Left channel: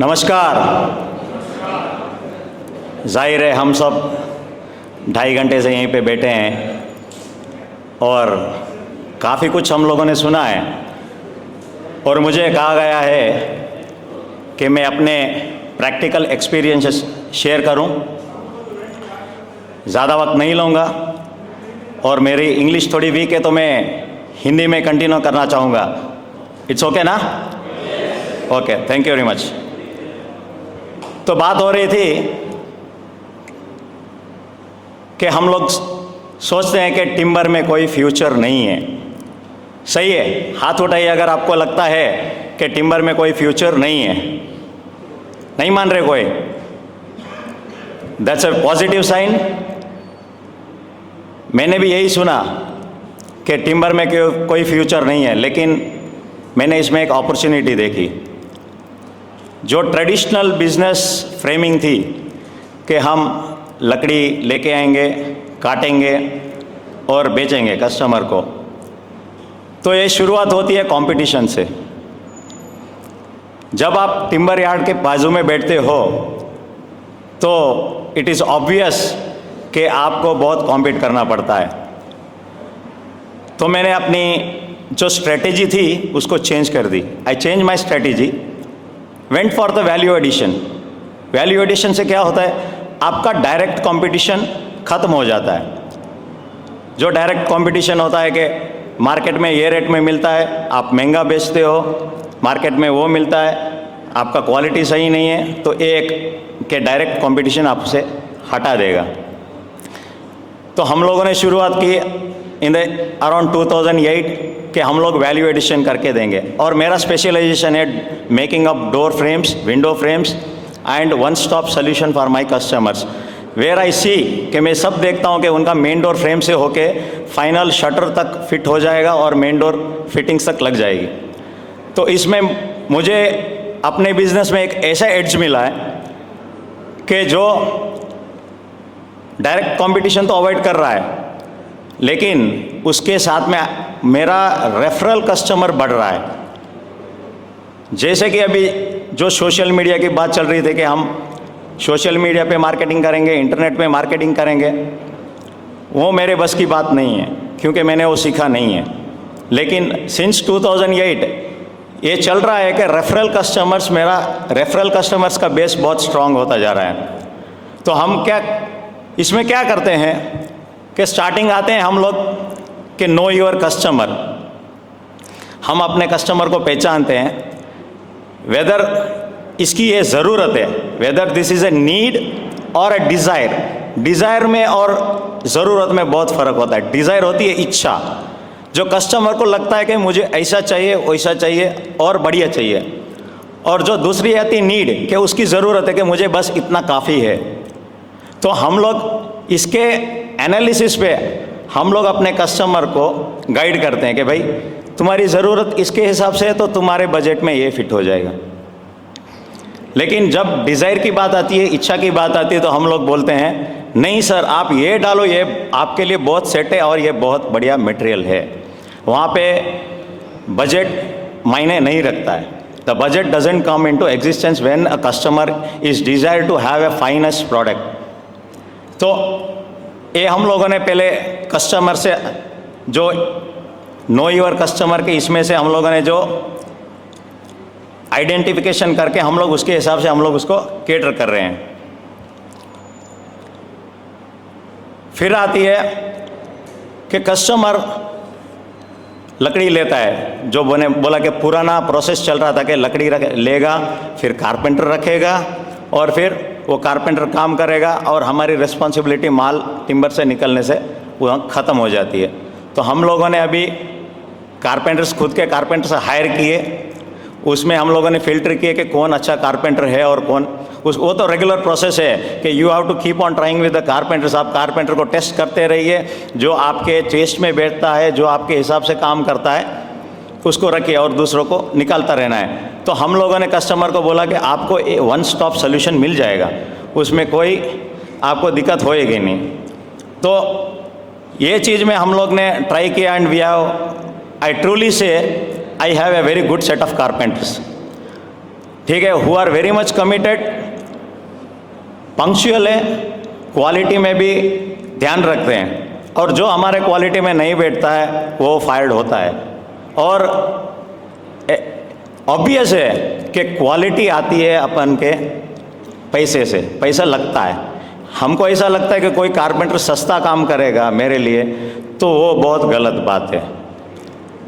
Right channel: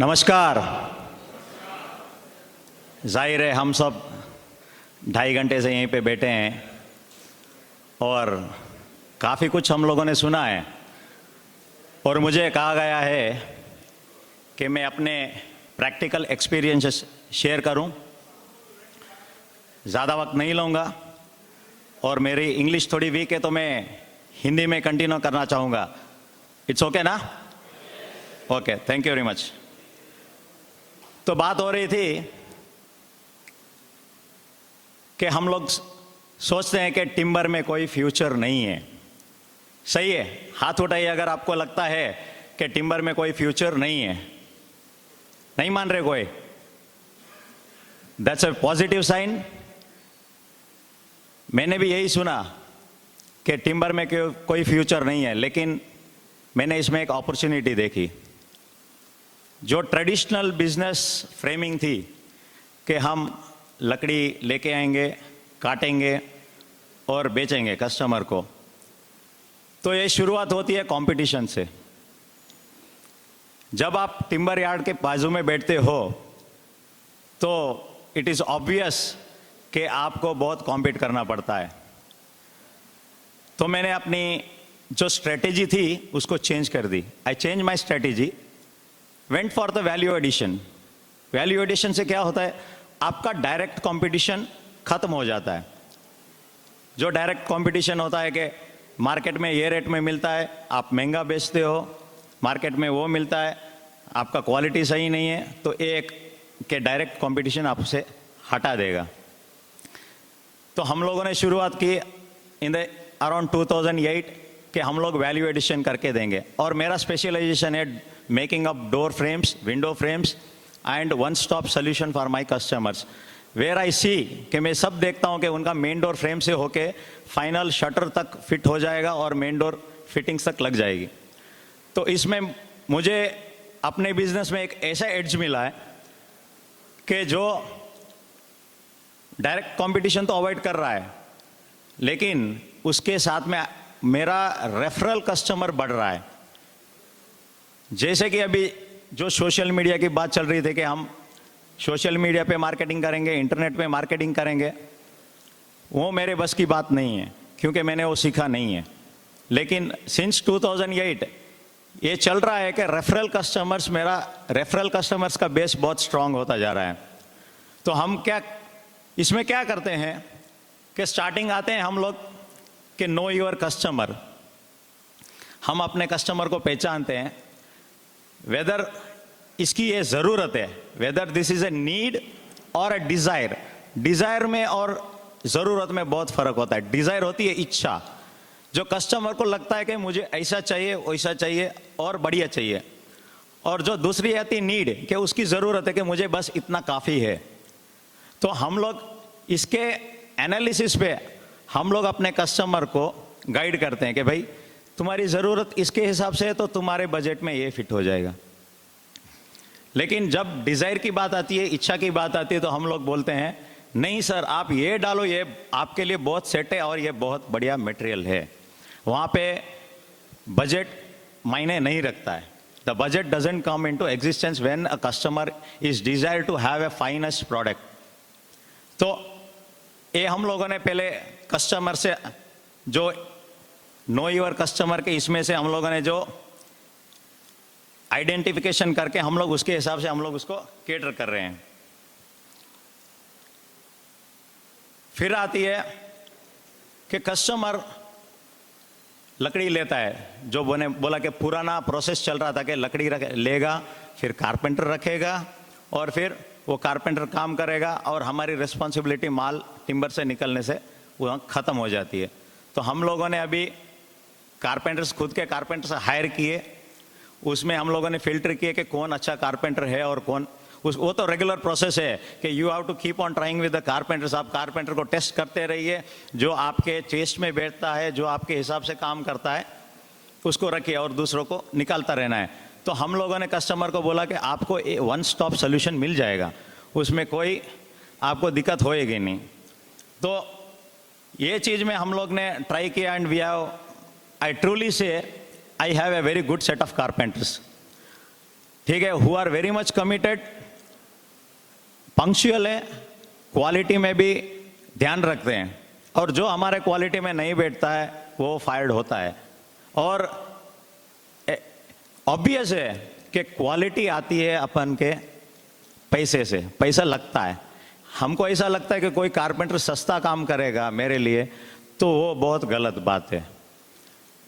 नमस्कार। जाहिर है हम सब 2.5 घंटे से यहीं पे बैठे हैं और काफ़ी कुछ हम लोगों ने सुना है और मुझे कहा गया है कि मैं अपने प्रैक्टिकल एक्सपीरियंसेस शेयर करूं। ज़्यादा वक्त नहीं लूँगा और मेरी इंग्लिश थोड़ी वीक है तो मैं हिंदी में कंटिन्यू करना चाहूँगा। इट्स ओके ना? Okay, thank you very much. तो बात हो रही थी कि हम लोग सोचते हैं कि टिम्बर में कोई फ्यूचर नहीं है। सही है, हाथ उठाइए अगर आपको लगता है कि टिम्बर में कोई फ्यूचर नहीं है। नहीं मान रहे कोई? That's a positive sign. मैंने भी यही सुना कि टिम्बर में कोई फ्यूचर नहीं है, लेकिन मैंने इसमें एक अपॉर्चुनिटी देखी। जो ट्रेडिशनल बिजनेस फ्रेमिंग थी कि हम लकड़ी लेके आएंगे, काटेंगे और बेचेंगे कस्टमर को, तो ये शुरुआत होती है कंपटीशन से। जब आप टिम्बर यार्ड के बाजू में बैठते हो तो इट इज़ ऑब्वियस कि आपको बहुत कॉम्पीट करना पड़ता है। तो मैंने अपनी जो स्ट्रेटेजी थी उसको चेंज कर दी। I change my strategy, went for the value addition. Value addition से क्या होता है, आपका डायरेक्ट कंपटीशन ख़त्म हो जाता है। जो डायरेक्ट कंपटीशन होता है कि मार्केट में ये रेट में मिलता है, आप महंगा बेचते हो, मार्केट में वो मिलता है, आपका क्वालिटी सही नहीं है, तो एक के डायरेक्ट कंपटीशन आपसे हटा देगा। तो हम लोगों ने शुरुआत की इन द अराउंड 2008 कि हम लोग वैल्यू एडिशन करके देंगे। और मेरा स्पेशलाइजेशन है making up door frames, window frames and one stop solution for my customers, where I see कि मैं सब देखता हूँ कि उनका मेन डोर फ्रेम से होके फाइनल शटर तक फिट हो जाएगा और मेन डोर फिटिंग्स तक लग जाएगी। तो इसमें मुझे अपने बिजनेस में एक ऐसा एड्ज मिला है कि जो डायरेक्ट कंपटीशन तो अवॉइड कर रहा है, लेकिन उसके साथ में मेरा रेफरल कस्टमर बढ़ रहा है। जैसे कि अभी जो सोशल मीडिया की बात चल रही थी कि हम सोशल मीडिया पे मार्केटिंग करेंगे, इंटरनेट पे मार्केटिंग करेंगे, वो मेरे बस की बात नहीं है क्योंकि मैंने वो सीखा नहीं है। लेकिन सिंस 2008 ये चल रहा है कि मेरा रेफरल कस्टमर्स का बेस बहुत स्ट्रांग होता जा रहा है। तो हम इसमें क्या करते हैं कि स्टार्टिंग आते हैं हम लोग कि नो योर कस्टमर। हम अपने कस्टमर को पहचानते हैं, वेदर इसकी ये ज़रूरत है, whether this is a need और ए डिज़ायर। डिज़ायर में और ज़रूरत में बहुत फ़र्क होता है। डिज़ायर होती है इच्छा, जो कस्टमर को लगता है कि मुझे ऐसा चाहिए, वैसा चाहिए और बढ़िया चाहिए। और जो दूसरी आती है नीड, कि उसकी ज़रूरत है कि मुझे बस इतना काफ़ी है। तो हम लोग इसके एनालिसिस पे हम लोग अपने कस्टमर को गाइड करते हैं कि भाई तुम्हारी ज़रूरत इसके हिसाब से है तो तुम्हारे बजट में ये फिट हो जाएगा। लेकिन जब डिज़ायर की बात आती है, इच्छा की बात आती है, तो हम लोग बोलते हैं नहीं सर, आप ये डालो, ये आपके लिए बहुत सेट है और ये बहुत बढ़िया मटेरियल है। वहाँ पे बजट मायने नहीं रखता है। The budget doesn't come into existence when a customer is desire to have a finest product. तो ये हम लोगों ने पहले कस्टमर से जो नो योर कस्टमर के इसमें से हम लोगों ने जो आइडेंटिफिकेशन करके हम लोग उसके हिसाब से हम लोग उसको केटर कर रहे हैं। फिर आती है कि कस्टमर लकड़ी लेता है, जो बोला कि पुराना प्रोसेस चल रहा था कि लकड़ी लेगा, फिर कारपेंटर रखेगा और फिर वो कारपेंटर काम करेगा और हमारी रिस्पॉन्सिबिलिटी माल टिम्बर से निकलने से वो ख़त्म हो जाती है। तो हम लोगों ने अभी कारपेंटर्स, खुद के कारपेंटर्स हायर किए, उसमें हम लोगों ने फिल्टर किए कि कौन अच्छा कारपेंटर है और कौन वो तो रेगुलर प्रोसेस है कि you have to keep on trying with the carpenters. आप कारपेंटर को टेस्ट करते रहिए, जो आपके टेस्ट में बैठता है, जो आपके हिसाब से काम करता है, उसको रखिए और दूसरों को निकालता रहना है। तो हम लोगों ने कस्टमर को बोला कि आपको वन स्टॉप सोल्यूशन मिल जाएगा, उसमें कोई आपको दिक्कत होएगी नहीं। तो ये चीज़ में हम लोग ने ट्राई किया and we have, I truly say I have a very good set of carpenters. ठीक है, who are very much committed, punctual है, क्वालिटी में भी ध्यान रखते हैं, और जो हमारे क्वालिटी में नहीं बैठता है वो फायर्ड होता है। और ऑब्वियस है कि क्वालिटी आती है अपन के पैसे से, पैसा लगता है। हमको ऐसा लगता है कि कोई कारपेंटर सस्ता काम करेगा मेरे लिए, तो वो बहुत गलत बात है।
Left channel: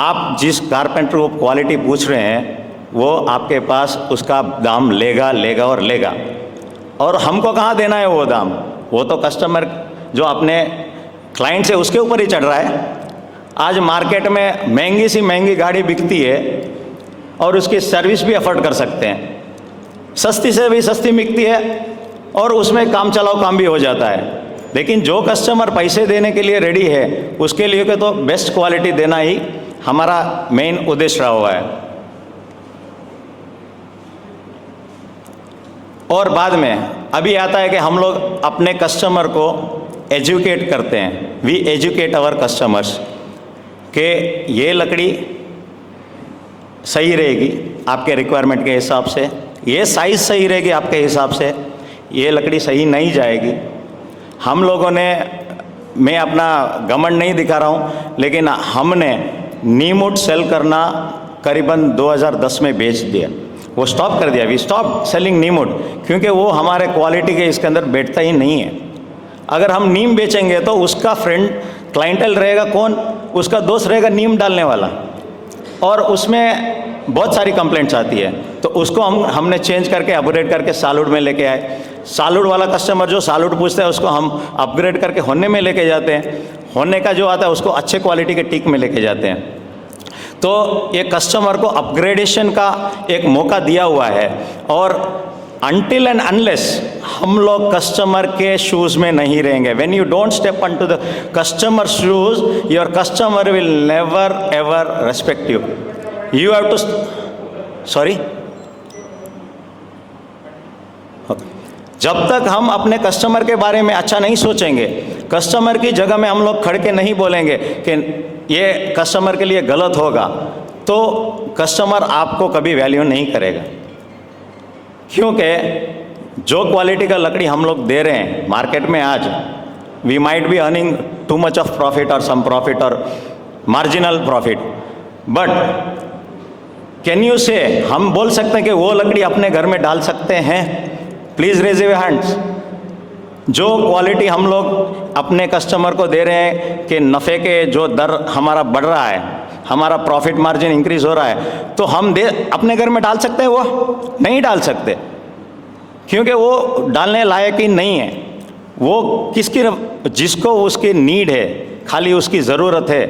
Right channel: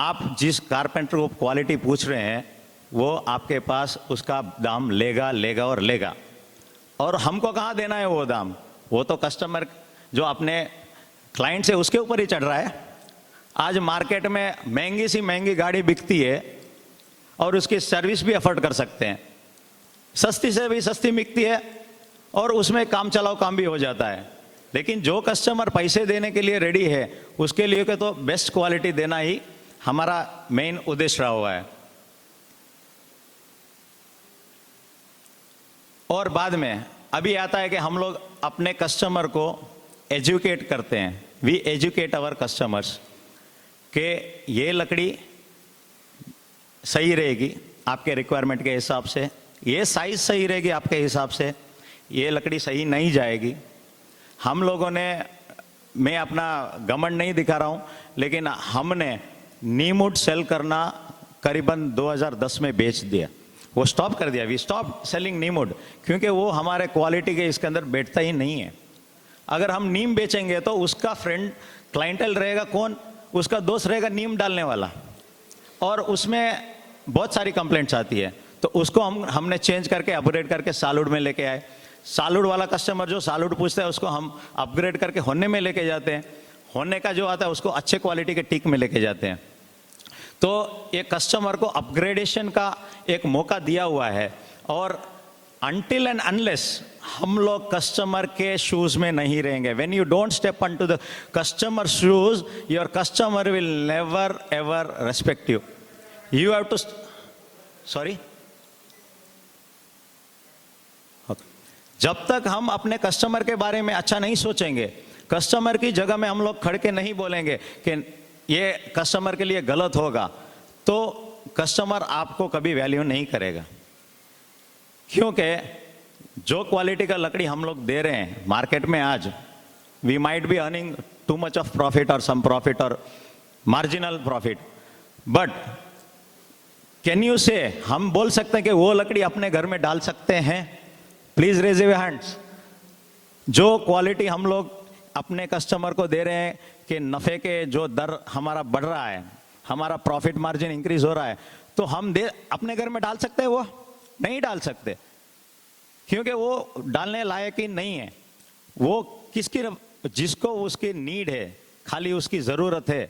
आप जिस कारपेंटर को क्वालिटी पूछ रहे हैं वो आपके पास उसका दाम लेगा और लेगा, और हमको कहाँ देना है वो दाम? वो तो कस्टमर जो अपने क्लाइंट से उसके ऊपर ही चढ़ रहा है। आज मार्केट में महंगी सी महंगी गाड़ी बिकती है और उसकी सर्विस भी अफोर्ड कर सकते हैं, सस्ती से भी सस्ती बिकती है और उसमें काम चलाओ काम भी हो जाता है। लेकिन जो कस्टमर पैसे देने के लिए रेडी है उसके लिए तो बेस्ट क्वालिटी देना ही हमारा मेन उद्देश्य रहा हुआ है। और बाद में अभी आता है कि हम लोग अपने कस्टमर को एजुकेट करते हैं। वी एजुकेट आवर कस्टमर्स कि ये लकड़ी सही रहेगी आपके रिक्वायरमेंट के हिसाब से, ये साइज़ सही रहेगी आपके हिसाब से, ये लकड़ी सही नहीं जाएगी। हम लोगों ने, मैं अपना घमंड नहीं दिखा रहा हूँ, लेकिन हमने नीमवुड सेल करना करीबन 2010 में बेच दिया, वो स्टॉप कर दिया। वी स्टॉप सेलिंग नीमवुड, क्योंकि वो हमारे क्वालिटी के इसके अंदर बैठता ही नहीं है। अगर हम नीम बेचेंगे तो उसका फ्रेंड क्लाइंटल रहेगा कौन? उसका दोस्त रहेगा नीम डालने वाला, और उसमें बहुत सारी कंप्लेंट्स आती है। तो उसको हमने चेंज करके अपग्रेड करके सॉलिड में लेके आए। सॉलिड वाला कस्टमर जो सॉलिड पूछता है उसको हम अपग्रेड करके होने में लेके जाते हैं, होने का जो आता है उसको अच्छे क्वालिटी के टीक में लेके जाते हैं। तो ये कस्टमर को अपग्रेडेशन का एक मौका दिया हुआ है। और अनटिल एंड अनलेस हम लोग कस्टमर के शूज़ में नहीं रहेंगे, when you don't step into the customer shoes, your customer will never ever respect you. You have to, sorry, जब तक हम अपने कस्टमर के बारे में अच्छा नहीं सोचेंगे, कस्टमर की जगह में हम लोग खड़ के नहीं बोलेंगे कि ये कस्टमर के लिए गलत होगा, तो कस्टमर आपको कभी वैल्यू नहीं करेगा। क्योंकि जो क्वालिटी का लकड़ी हम लोग दे रहे हैं मार्केट में आज, we might be earning too much of profit और सम प्रॉफिट और marginal profit, but can you say, हम बोल सकते हैं कि वो लकड़ी अपने घर में डाल सकते हैं? Please raise your hands. जो क्वालिटी हम लोग अपने कस्टमर को दे रहे हैं कि नफ़े के जो दर हमारा बढ़ रहा है, हमारा प्रॉफिट मार्जिन इंक्रीज हो रहा है, तो हम अपने घर में डाल सकते हैं? वो नहीं डाल सकते, क्योंकि वो डालने लायक ही नहीं है। वो जिसको उसकी नीड है, खाली उसकी ज़रूरत है,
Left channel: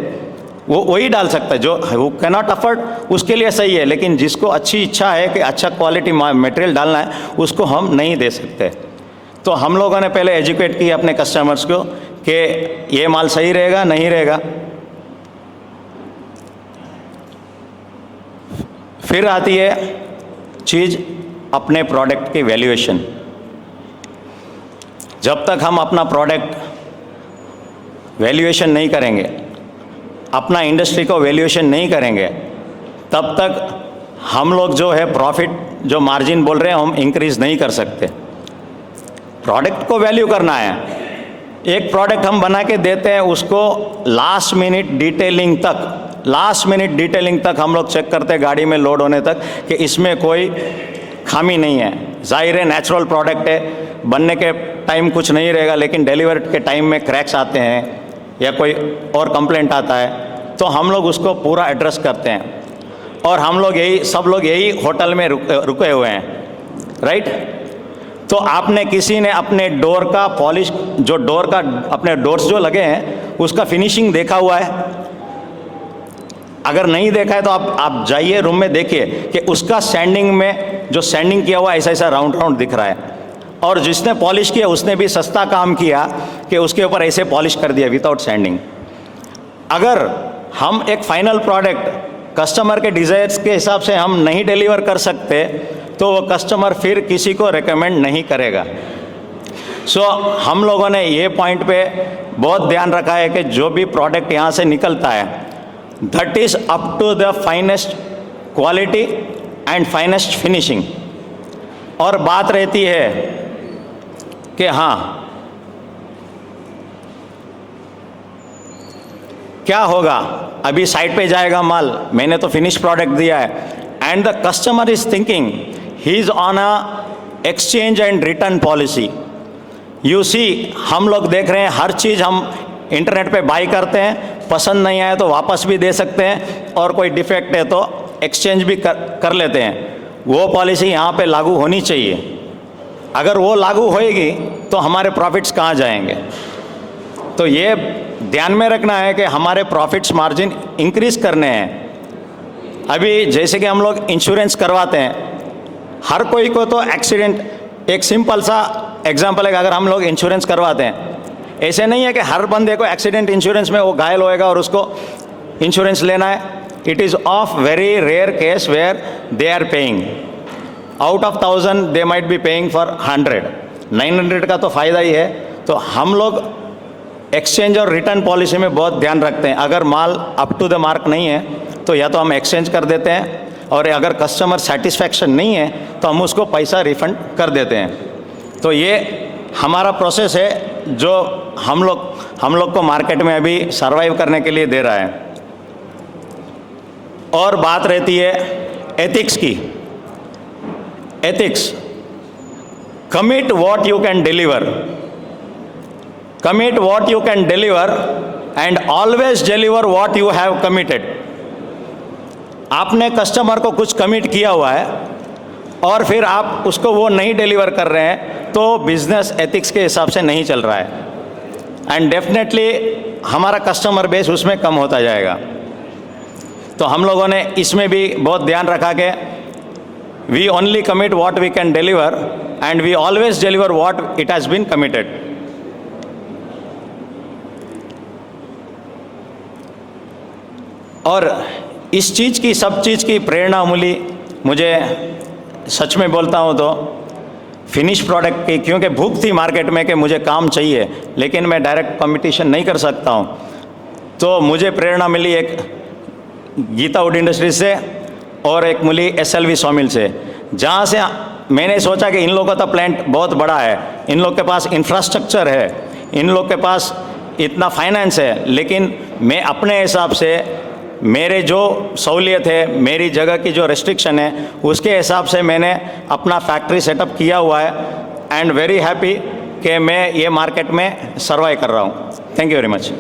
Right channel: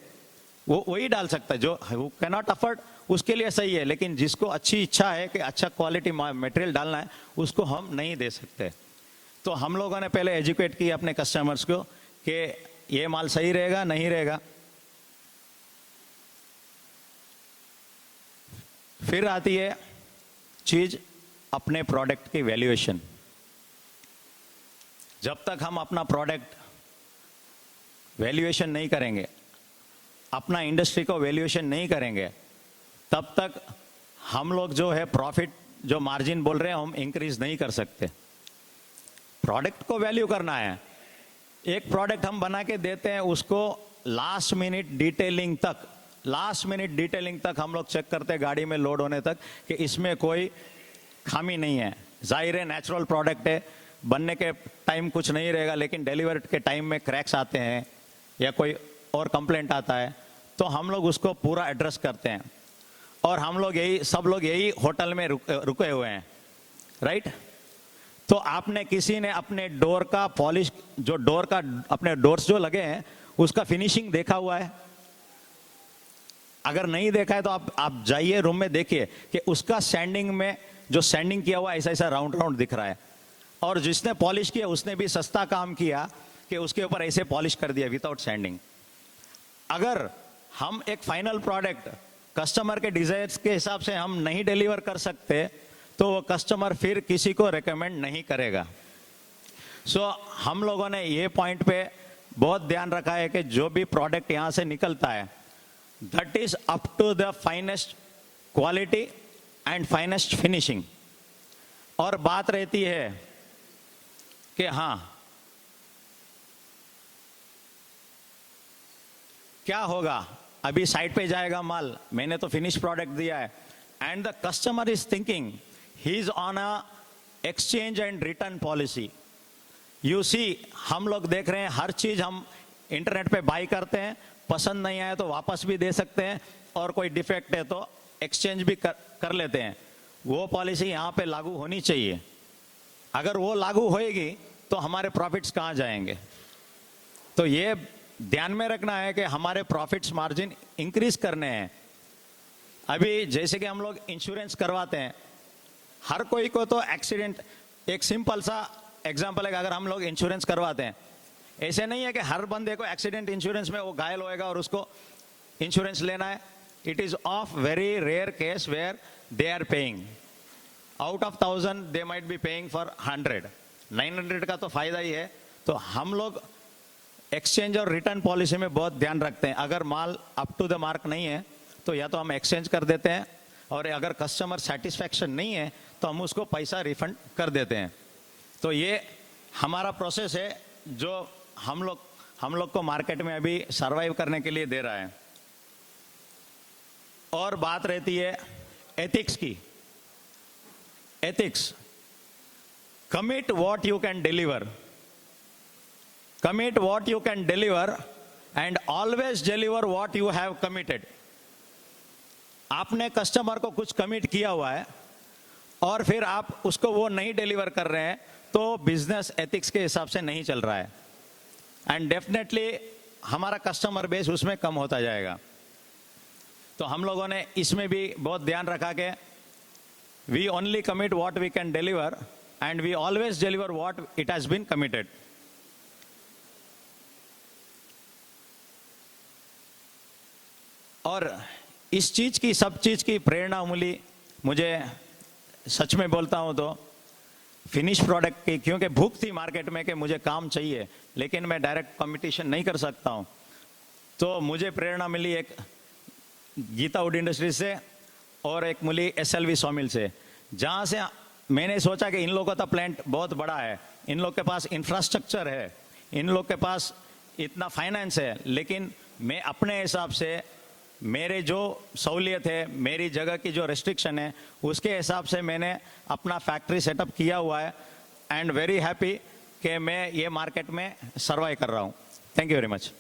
वो वही डाल सकता है। जो वो कैनॉट अफोर्ड उसके लिए सही है, लेकिन जिसको अच्छी इच्छा है कि अच्छा क्वालिटी मटेरियल डालना है, उसको हम नहीं दे सकते। तो हम लोगों ने पहले एजुकेट किया अपने कस्टमर्स को कि ये माल सही रहेगा नहीं रहेगा। फिर आती है चीज़ अपने प्रोडक्ट की वैल्यूएशन। जब तक हम अपना प्रोडक्ट वैल्यूएशन नहीं करेंगे, अपना इंडस्ट्री को वैल्यूएशन नहीं करेंगे, तब तक हम लोग जो है प्रॉफिट, जो मार्जिन बोल रहे हैं, हम इंक्रीज नहीं कर सकते। प्रोडक्ट को वैल्यू करना है। एक प्रोडक्ट हम बना के देते हैं, उसको लास्ट मिनट डिटेलिंग तक हम लोग चेक करते हैं, गाड़ी में लोड होने तक, कि इसमें कोई खामी नहीं है। जाहिर है नेचुरल प्रोडक्ट है, बनने के टाइम कुछ नहीं रहेगा, लेकिन डिलीवर के टाइम में क्रैक्स आते हैं या कोई और कंप्लेंट आता है, तो हम लोग उसको पूरा एड्रेस करते हैं। और हम लोग सब लोग यही होटल में रुके हुए हैं, राइट? तो आपने किसी ने अपने डोर का पॉलिश, जो डोर का अपने डोर्स जो लगे हैं उसका फिनिशिंग देखा हुआ है? अगर नहीं देखा है तो आप जाइए रूम में, देखिए कि उसका सैंडिंग में जो सैंडिंग किया हुआ ऐसा राउंड दिख रहा है, और जिसने पॉलिश किया उसने भी सस्ता काम किया कि उसके ऊपर ऐसे पॉलिश कर दिया विदाउट सैंडिंग। अगर हम एक फाइनल प्रोडक्ट कस्टमर के डिज़ायर्स के हिसाब से हम नहीं डिलीवर कर सकते, तो वो कस्टमर फिर किसी को रेकमेंड नहीं करेगा। सो हम लोगों ने ये पॉइंट पे बहुत ध्यान रखा है कि जो भी प्रोडक्ट यहाँ से निकलता है, that is up to the finest quality and finest finishing. और बात रहती है कि हाँ क्या होगा, अभी साइट पे जाएगा माल, मैंने तो फिनिश प्रोडक्ट दिया है, and the customer is thinking he is on a exchange and return policy. You see, हम लोग देख रहे हैं हर चीज़ हम इंटरनेट पे बाई करते हैं, पसंद नहीं आए तो वापस भी दे सकते हैं, और कोई डिफेक्ट है तो एक्सचेंज भी कर लेते हैं। वो पॉलिसी यहाँ पे लागू होनी चाहिए। अगर वो लागू होएगी तो हमारे प्रॉफिट्स कहाँ जाएंगे? तो ये ध्यान में रखना है कि हमारे प्रॉफिट्स मार्जिन इंक्रीज करने हैं। अभी जैसे कि हम लोग इंश्योरेंस करवाते हैं, हर कोई को तो एक्सीडेंट, एक सिंपल सा एग्जांपल है कि अगर हम लोग इंश्योरेंस करवाते हैं, ऐसे नहीं है कि हर बंदे को एक्सीडेंट इंश्योरेंस में वो घायल होएगा और उसको इंश्योरेंस लेना है। It is of very rare case where they are paying out of 1000 they might be paying for 100, 900 का तो फ़ायदा ही है। तो हम लोग एक्सचेंज और रिटर्न पॉलिसी में बहुत ध्यान रखते हैं। अगर माल अप टू द मार्क नहीं है तो या तो हम एक्सचेंज कर देते हैं, और अगर कस्टमर सेटिस्फैक्शन नहीं है तो हम उसको पैसा रिफंड कर देते हैं। तो ये हमारा प्रोसेस है जो हम लोग को मार्केट में अभी सर्वाइव करने के लिए दे रहा है। और बात रहती है एथिक्स की। Ethics, commit what you can deliver, commit what you can deliver and always deliver what you have committed। आपने कस्टमर को कुछ कमिट किया हुआ है और फिर आप उसको वो नहीं डिलीवर कर रहे हैं तो बिजनेस एथिक्स के हिसाब से नहीं चल रहा है, एंड डेफिनेटली हमारा कस्टमर बेस उसमें कम होता जाएगा। तो हम लोगों ने इसमें भी बहुत ध्यान रखा कि we only commit what we can deliver and we always deliver what it has been committed. और इस चीज़ की, सब चीज़ की प्रेरणा मिली मुझे, सच में बोलता हूँ तो फिनिश प्रोडक्ट की, क्योंकि भूख थी मार्केट में कि मुझे काम चाहिए लेकिन मैं डायरेक्ट कंपटीशन नहीं कर सकता हूँ। तो मुझे प्रेरणा मिली एक गीता वुड इंडस्ट्रीज से और एक मिली SLV सॉमिल से, जहाँ से मैंने सोचा कि इन लोगों का तो प्लांट बहुत बड़ा है, इन लोग के पास इंफ्रास्ट्रक्चर है, इन लोग के पास इतना फाइनेंस है, लेकिन मैं अपने हिसाब से मेरे जो सहूलियत है, मेरी जगह की जो रेस्ट्रिक्शन है, उसके हिसाब से मैंने अपना फैक्ट्री सेटअप किया हुआ है, एंड वेरी हैप्पी कि मैं ये मार्केट में सर्वाइव कर रहा हूँ। Thank you very much.